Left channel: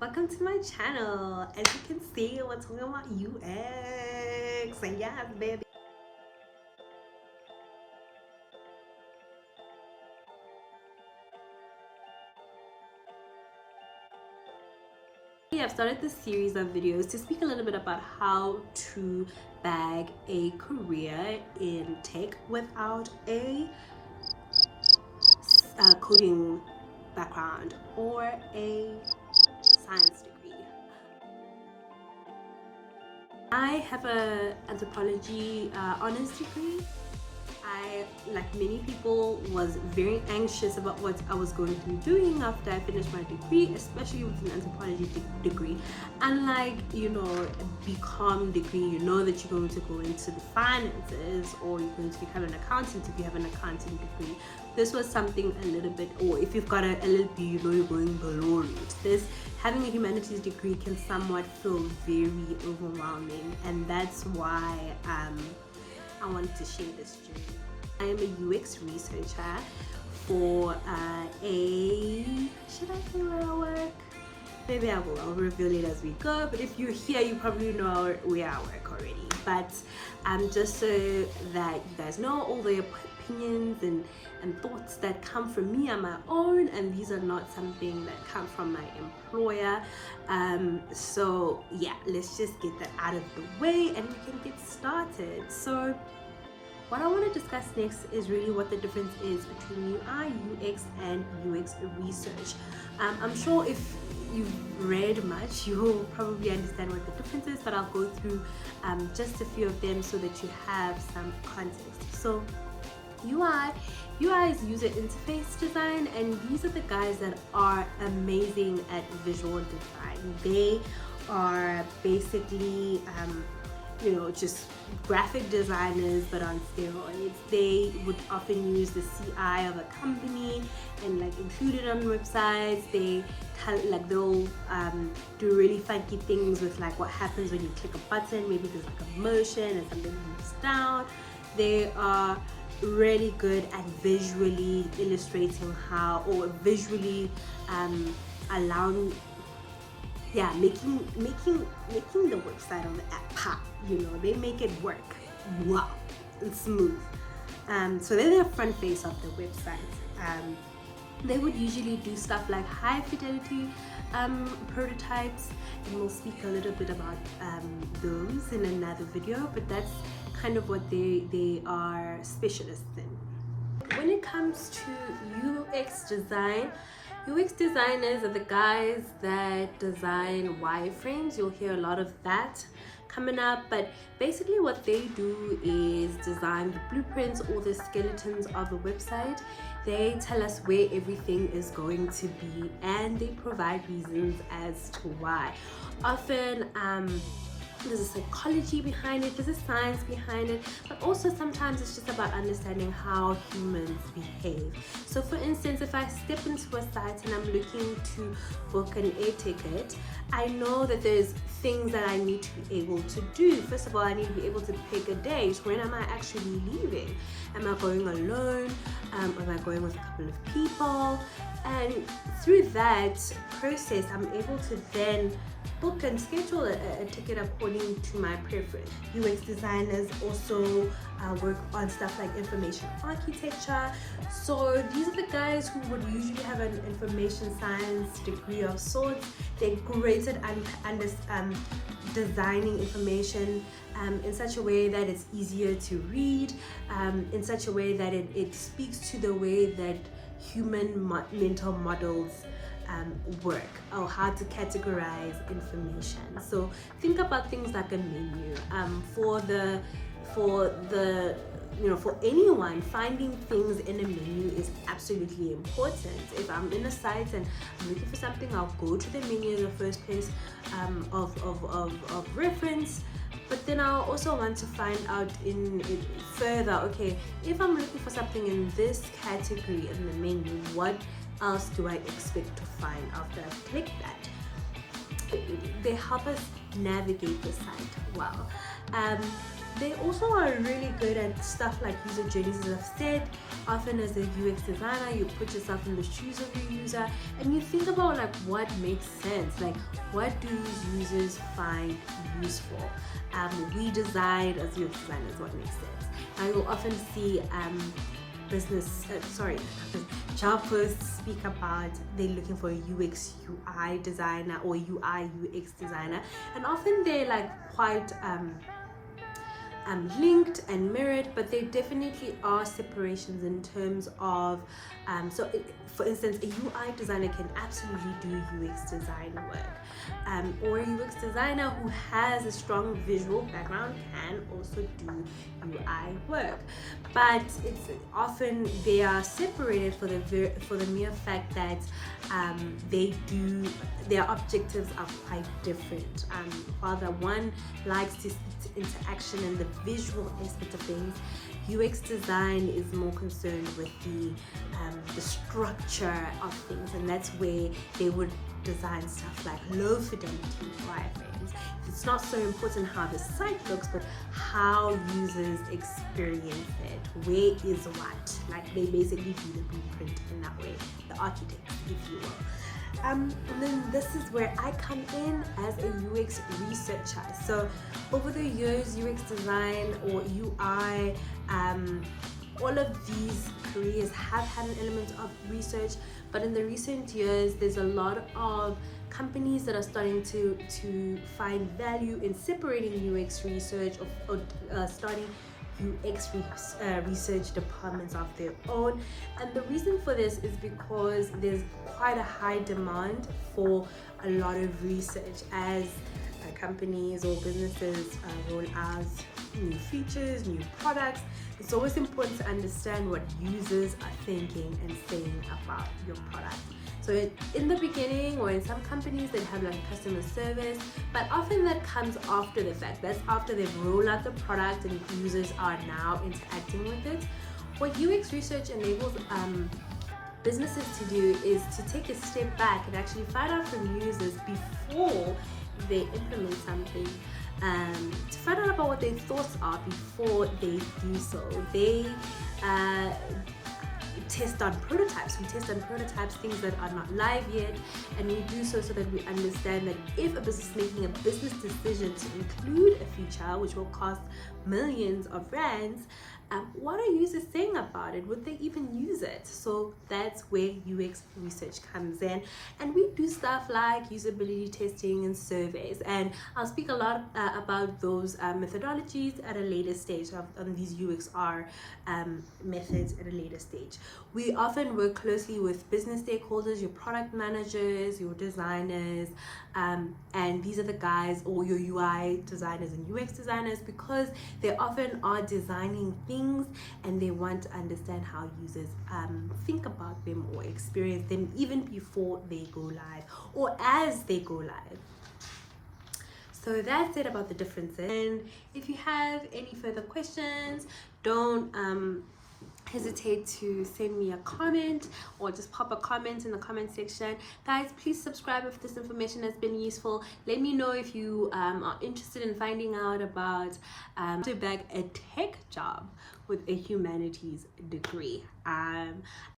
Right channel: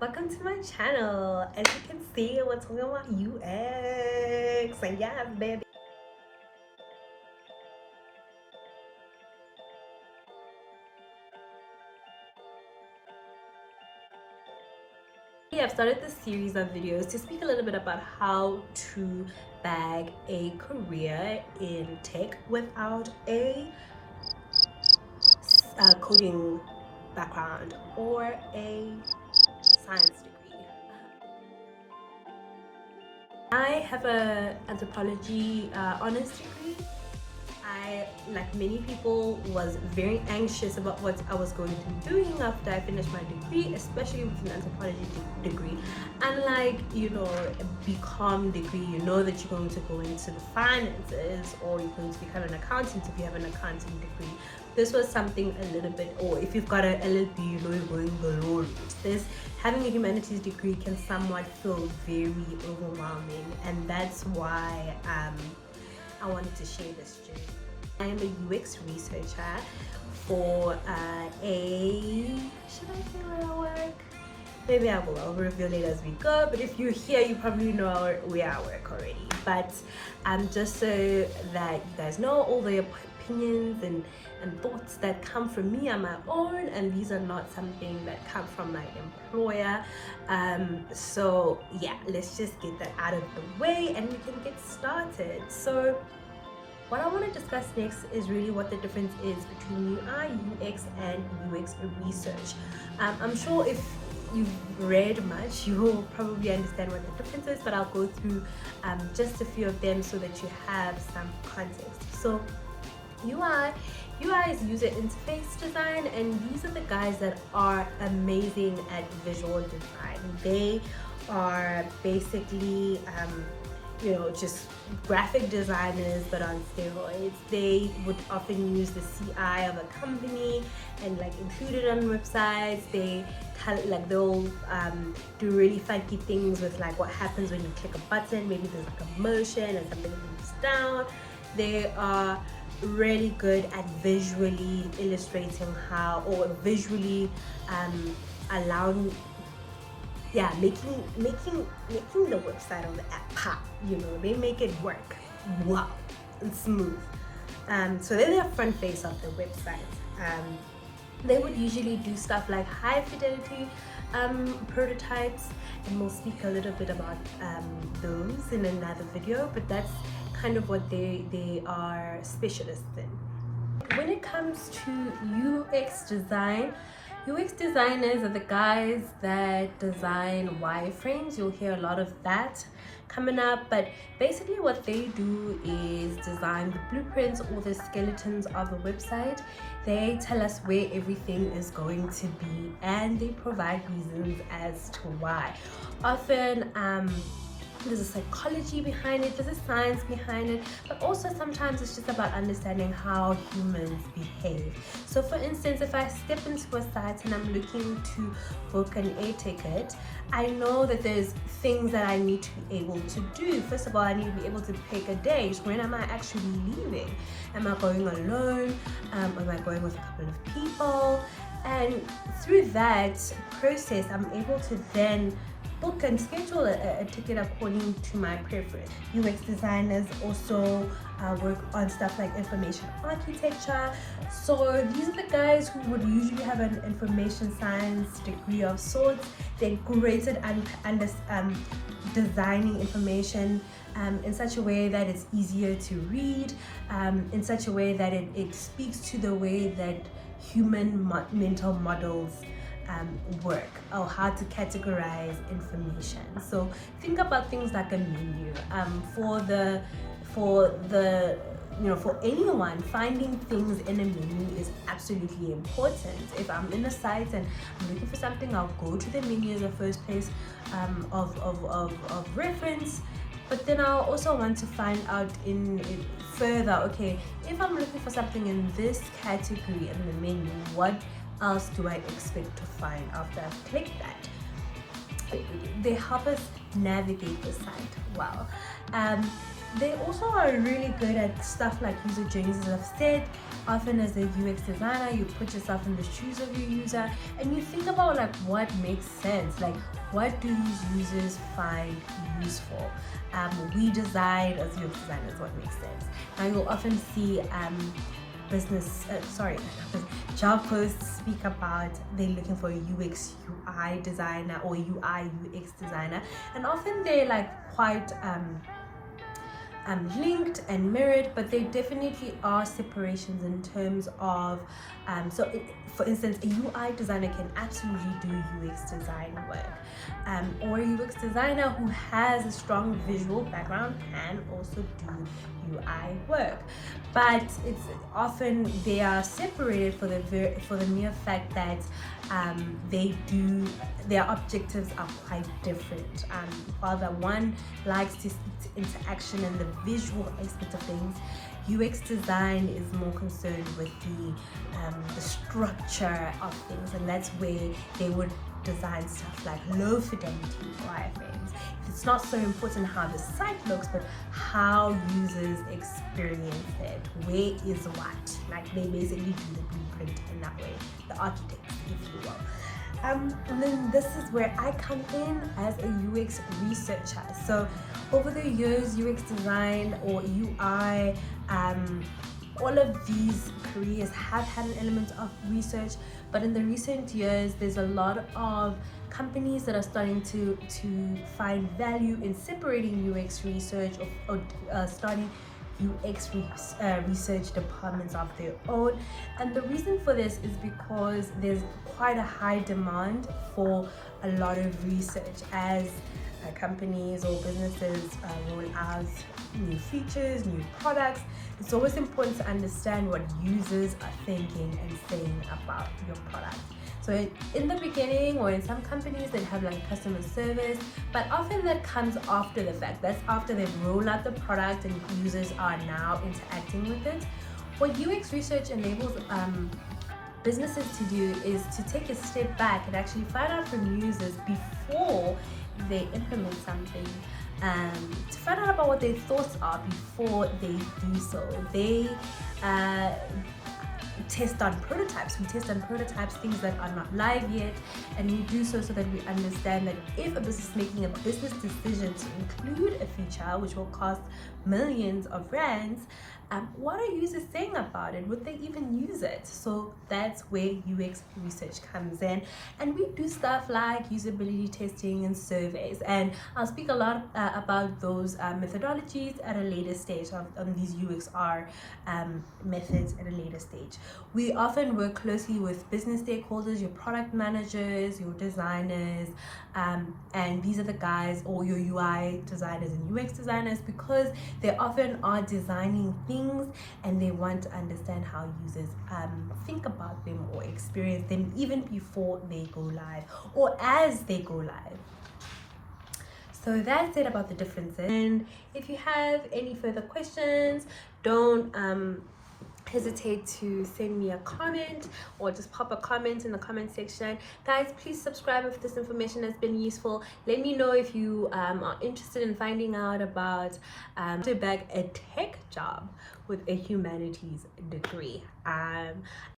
Welcome to my channel. As you can see, we're talking about UX, and yes, baby. I've started this series of videos to speak a little bit about how to bag a career in tech without a coding background or a science degree. I have a anthropology honors degree. I, like many people, was very anxious about what I was going to be doing after I finished my degree, especially with an anthropology degree. Unlike, a BCom degree, you know that you're going to go into the finances or you're going to become an accountant if you have an accounting degree. This was something a little bit, or if you've got an LLB, you know you're going below it. Having a humanities degree can somewhat feel very overwhelming, and that's why I wanted to share this journey. I am a UX researcher for should I say where I work? Maybe I'll reveal it as we go, but if you're here, you probably know where I work already. But just so that you guys know, all the opinions and thoughts that come from me are my own, and these are not something that come from my employer. So yeah, let's just get that out of the way and we can get started. So what I want to discuss next is really what the difference is between UI, UX, and UX research. I'm sure if you've read much, you'll probably understand what the difference is, but I'll go through just a few of them so that you have some context. So UI is user interface design, and these are the guys that are amazing at visual design. They are basically just graphic designers, but on steroids. They would often use the CI of a company and include it on websites. They'll do really funky things with what happens when you click a button. Maybe there's a motion and something moves down. They are really good at visually illustrating how, or visually allowing, making the website or the app pop. They make it work wow and smooth. So they're the front face of the website. They would usually do stuff like high fidelity prototypes, and we'll speak a little bit about those in another video, but that's kind of what they are specialists in. When it comes to UX design, UX designers are the guys that design wireframes. You'll hear a lot of that coming up, but basically what they do is design the blueprints or the skeletons of the website. They tell us where everything is going to be, and they provide reasons as to why. Often there's a psychology behind it, there's a science behind it, but also sometimes it's just about understanding how humans behave. So for instance, if I step into a site and I'm looking to book an air ticket, I know that there's things that I need to be able to do. First of all, I need to be able to pick a date. When am I actually leaving? Am I going alone? Am I going with a couple of people? And through that process, I'm able to then book and schedule a ticket according to my preference. UX designers also work on stuff like information architecture. So these are the guys who would usually have an information science degree of sorts. They're great at designing information in such a way that it's easier to read, in such a way that it speaks to the way that human mental models work, or how to categorize information. So think about things like a menu. For anyone, finding things in a menu is absolutely important. If I'm in a site and I'm looking for something, I'll go to the menu as the first place of reference. But then I'll also want to find out in it further, okay, if I'm looking for something in this category in the menu, what else do I expect to find after I've clicked that? They help us navigate the site well. they also are really good at stuff like user journeys, as I've said. Often as a UX designer, you put yourself in the shoes of your user and you think about like what makes sense, like what do these users find useful. We decide as UX designers what makes sense. Now you'll often see job posts speak about they're looking for a UX UI designer or UI UX designer, and often they're like quite linked and mirrored, but there definitely are separations in terms of for instance, a UI designer can absolutely do UX design work, or a UX designer who has a strong visual background can also do UI work, but it's often they are separated for the mere fact that their objectives are quite different. While the one likes to interaction and the visual aspect of things, UX design is more concerned with the structure of things, and that's where they would design stuff like low fidelity wireframes. It's not so important how the site looks, but how users experience it. Where is what? Like they basically do the blueprint in that way, the architects, if you will. And then this is where I come in as a UX researcher. So over the years, UX design or UI, all of these careers have had an element of research, but in the recent years, there's a lot of companies that are starting to find value in separating UX research or starting UX research departments of their own. And the reason for this is because there's quite a high demand for a lot of research as companies or businesses roll out new features, new products. It's always important to understand what users are thinking and saying about your product. So in the beginning, or in some companies that have like customer service, but often that comes after the fact. That's after they've rolled out the product and users are now interacting with it. What UX research enables businesses to do is to take a step back and actually find out from users before they implement something, to find out about what their thoughts are before they do so. They test on prototypes. We test on prototypes, things that are not live yet, and we do so that we understand that if a business is making a business decision to include a feature which will cost millions of rands, what are users saying about it? Would they even use it? So that's where UX research comes in, and we do stuff like usability testing and surveys, and I'll speak a lot about those methodologies at a later stage of these UXR methods at a later stage. We often work closely with business stakeholders, your product managers, your designers, and these are the guys, or your UI designers and UX designers, because they often are designing things and they want to understand how users think about them or experience them even before they go live or as they go live. So that's it about the differences. And if you have any further questions, don't hesitate to send me a comment or just pop a comment in the comment section. Guys, please subscribe if this information has been useful. Let me know if you are interested in finding out about to bag a tech job with a humanities degree.